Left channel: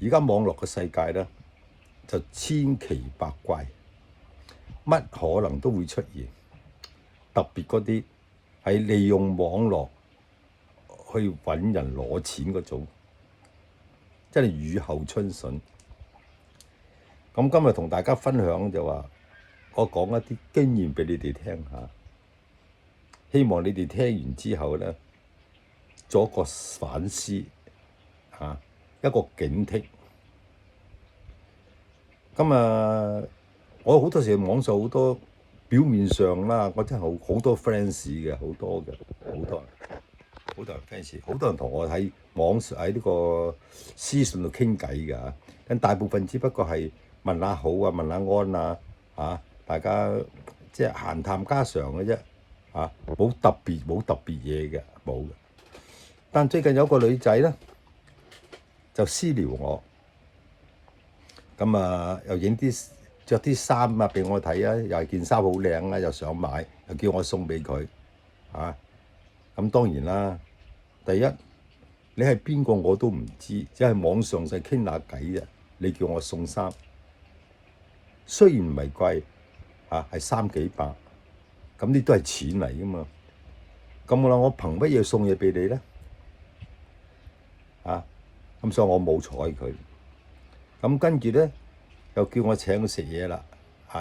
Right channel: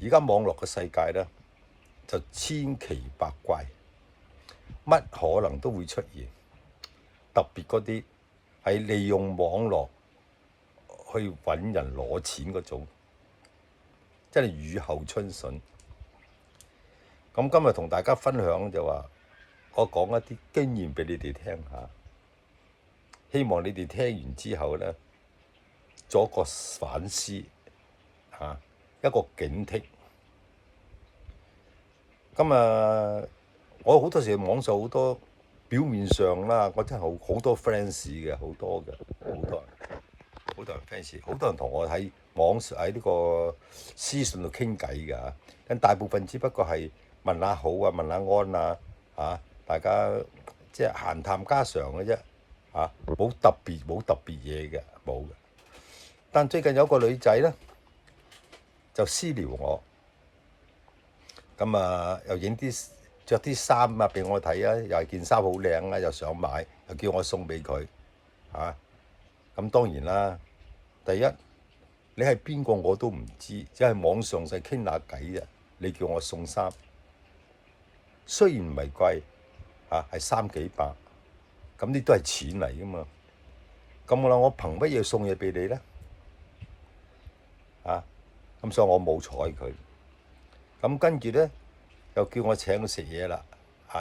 而家網絡嘅世界咧就千奇百怪，乜可能都會出現。特別嗰啲係利用網絡去揾人攞錢嗰種，真係雨後春筍。咁今日同大家分享就話，我講一啲經驗俾你哋聽下，希望你哋聽完之後咧，做一個反思一個警惕。咁我好多時網上好多表面上啦，我真係好多 fans 嘅，好多人 fans， 好多人同我喺網上喺呢個私信度傾偈㗎。但大部分只不過係問下好啊，問下安啊，大家即係閒談家常嘅啫冇特別嘢嘅，冇嘅。但最近有個女仔咧就私聊我，咁又影啲着啲衫俾我睇啊，又係件衫好靚啊，又想買，又叫我送俾佢咁當然啦，第一你係邊個我都唔知，只係網上就傾下偈啫。你叫我送衫，雖然唔係貴係3幾百，咁呢都係錢嚟噶嘛。咁我憑乜嘢送嘢俾你咧？咁所以我冇睬佢。咁跟住咧又叫我請佢食嘢啦，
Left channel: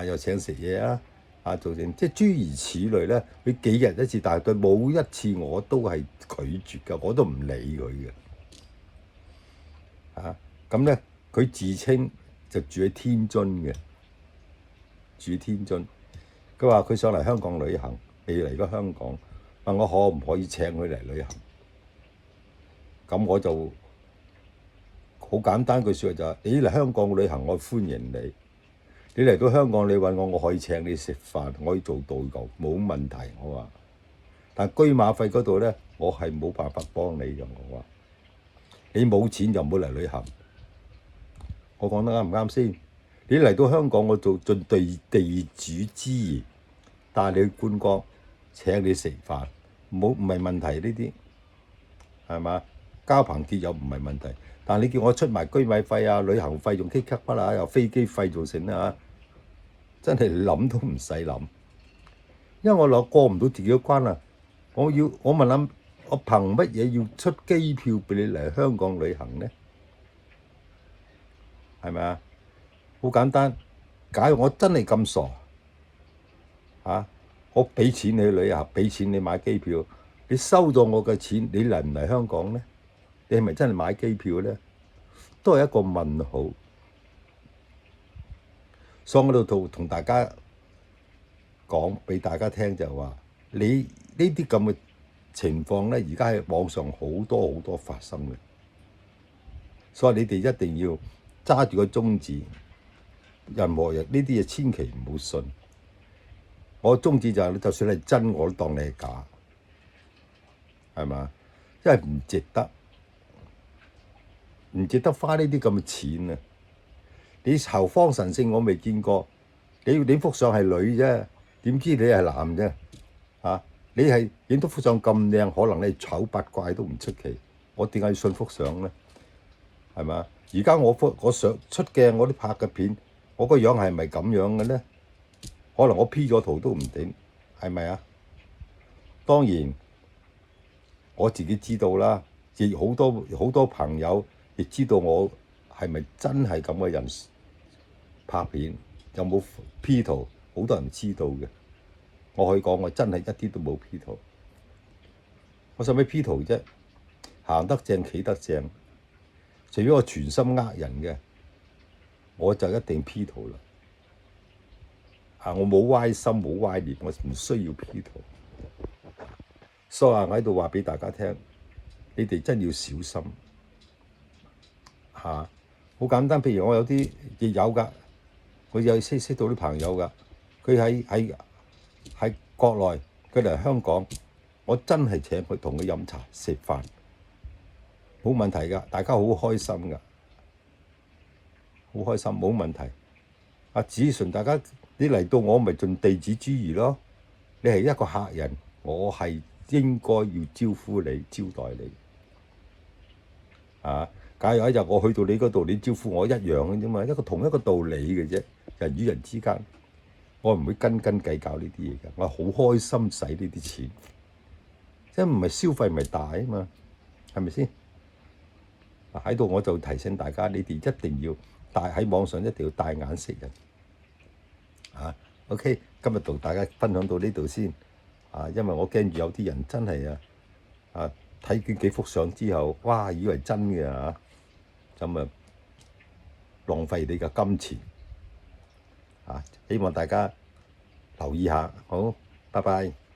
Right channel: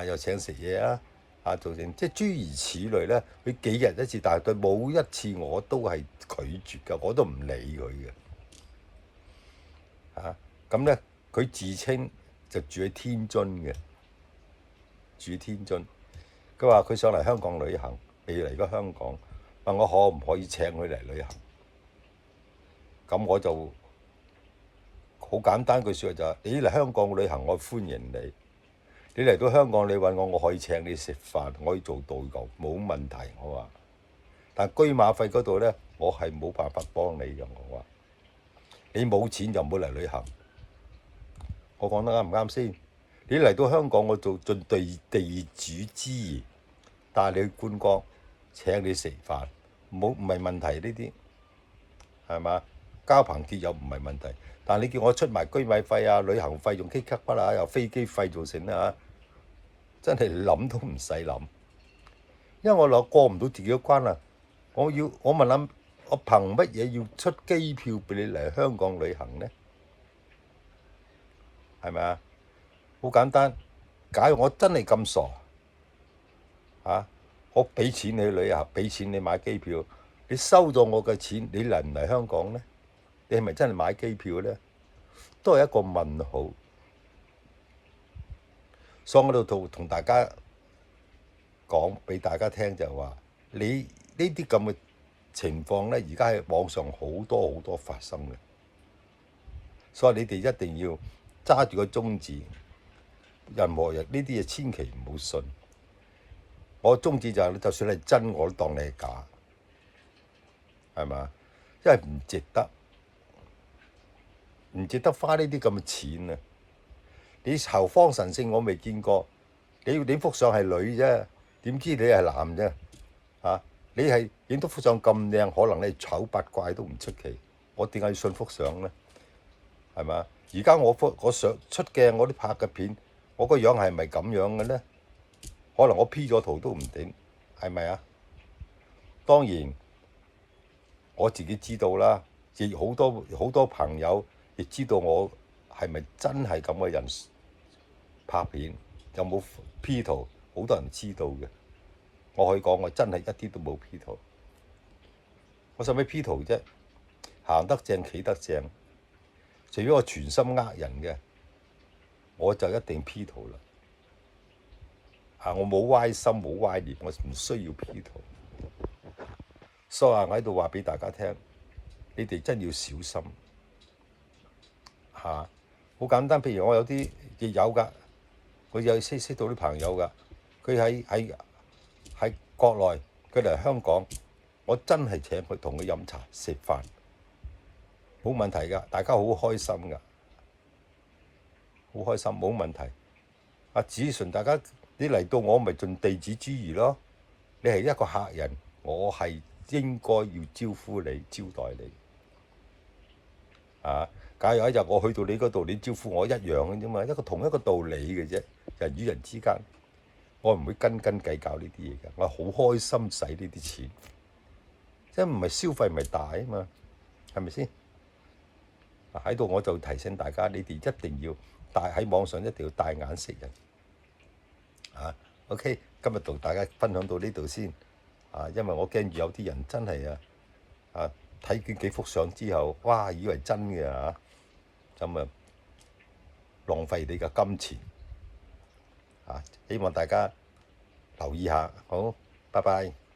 又請食嘢做成即係諸如此類咧。佢幾日一次，但係對冇一次我都係拒絕㗎，我都唔理佢嘅咁咧，佢自稱就住喺天津嘅，佢話佢上嚟香港旅行，未嚟過香港，問我可唔可以請佢嚟旅行。咁我就好簡單句説話就係：你嚟香港旅行，我歡迎你。你嚟到香港，你揾我可以請你食飯，我可以做導遊，冇問題。我話，但居馬費嗰度咧，我係冇辦法幫你嘅。我話，你冇錢就唔好嚟旅行。我講得啱唔啱先？你嚟到香港，我做盡地主之誼，帶你去觀光，請你食飯，唔係問題呢啲，係嘛？交朋結友唔係問題，但你叫我出埋居米費旅行費用 K 級筆又飛機費做成真係諗都唔使諗，因為我過唔到自己嘅關啊！我問下，我憑乜嘢要出機票俾你嚟香港旅行呢？係咪啊？好簡單，假如我真係咁傻我俾錢你去旅行，俾錢你買機票，你收咗我嘅錢，你嚟唔嚟香港呢？你係咪真係買機票呢？都係一個問號。所以我度同大家講俾大家聽就係話，你呢啲咁嘅情況咧，而家喺網上好多發生嘅，所以你哋一定要揸住個宗旨，任何人呢啲嘢千祈唔好信。我宗旨就係，就算係真，我都當你係假，係嘛？因為唔值得花呢啲咁嘅錢啊！你侯方神聖我未見過，你幅相係女啫，點知你係男啫？你係影到幅相咁靚，可能你醜八怪都唔出奇。我點解要信幅相咧？係嘛？而家我上出鏡，我啲拍嘅片，我個樣係咪咁樣嘅咧？可能我 P 咗圖都唔定，係咪啊？當然我自己知道啦，亦好多朋友亦知道我係咪真係咁嘅人。拍片有冇 P 圖，好多人知道嘅。我可以講，我真係一啲都冇 P 圖。我使咩 P 圖啫？行得正，企得正。除非我全心人嘅，我就一定 P 圖啦。我冇歪心，冇歪念，我唔需要 P 圖。所以我喺度話俾大家聽，你哋真要小心好簡單，譬如我有啲亦有㗎。佢有識到啲朋友㗎，佢喺國內，佢嚟香港，我真係請佢同佢飲茶食飯，冇問題㗎，大家好開心㗎，好開心冇問題。只純大家你嚟到我咪盡地主之誼咯，你係一個客人，我係應該要招呼你招待你假如有一日我去到你嗰度，你招呼我一樣嘅啫嘛，同一個道理嘅啫。人與人之間，我唔會斤斤計較呢啲嘢嘅，我好開心使呢啲錢，即係唔係消費咪大啊嘛，係咪先？喺度我就提醒大家，你哋一定要喺網上一定要帶眼識人。OK， 今日同大家分享到呢度先。因為我驚住有啲人真係睇見幾幅相之後，哇，以為真嘅咁啊浪費你嘅金錢。希望大家留意下，好，拜拜。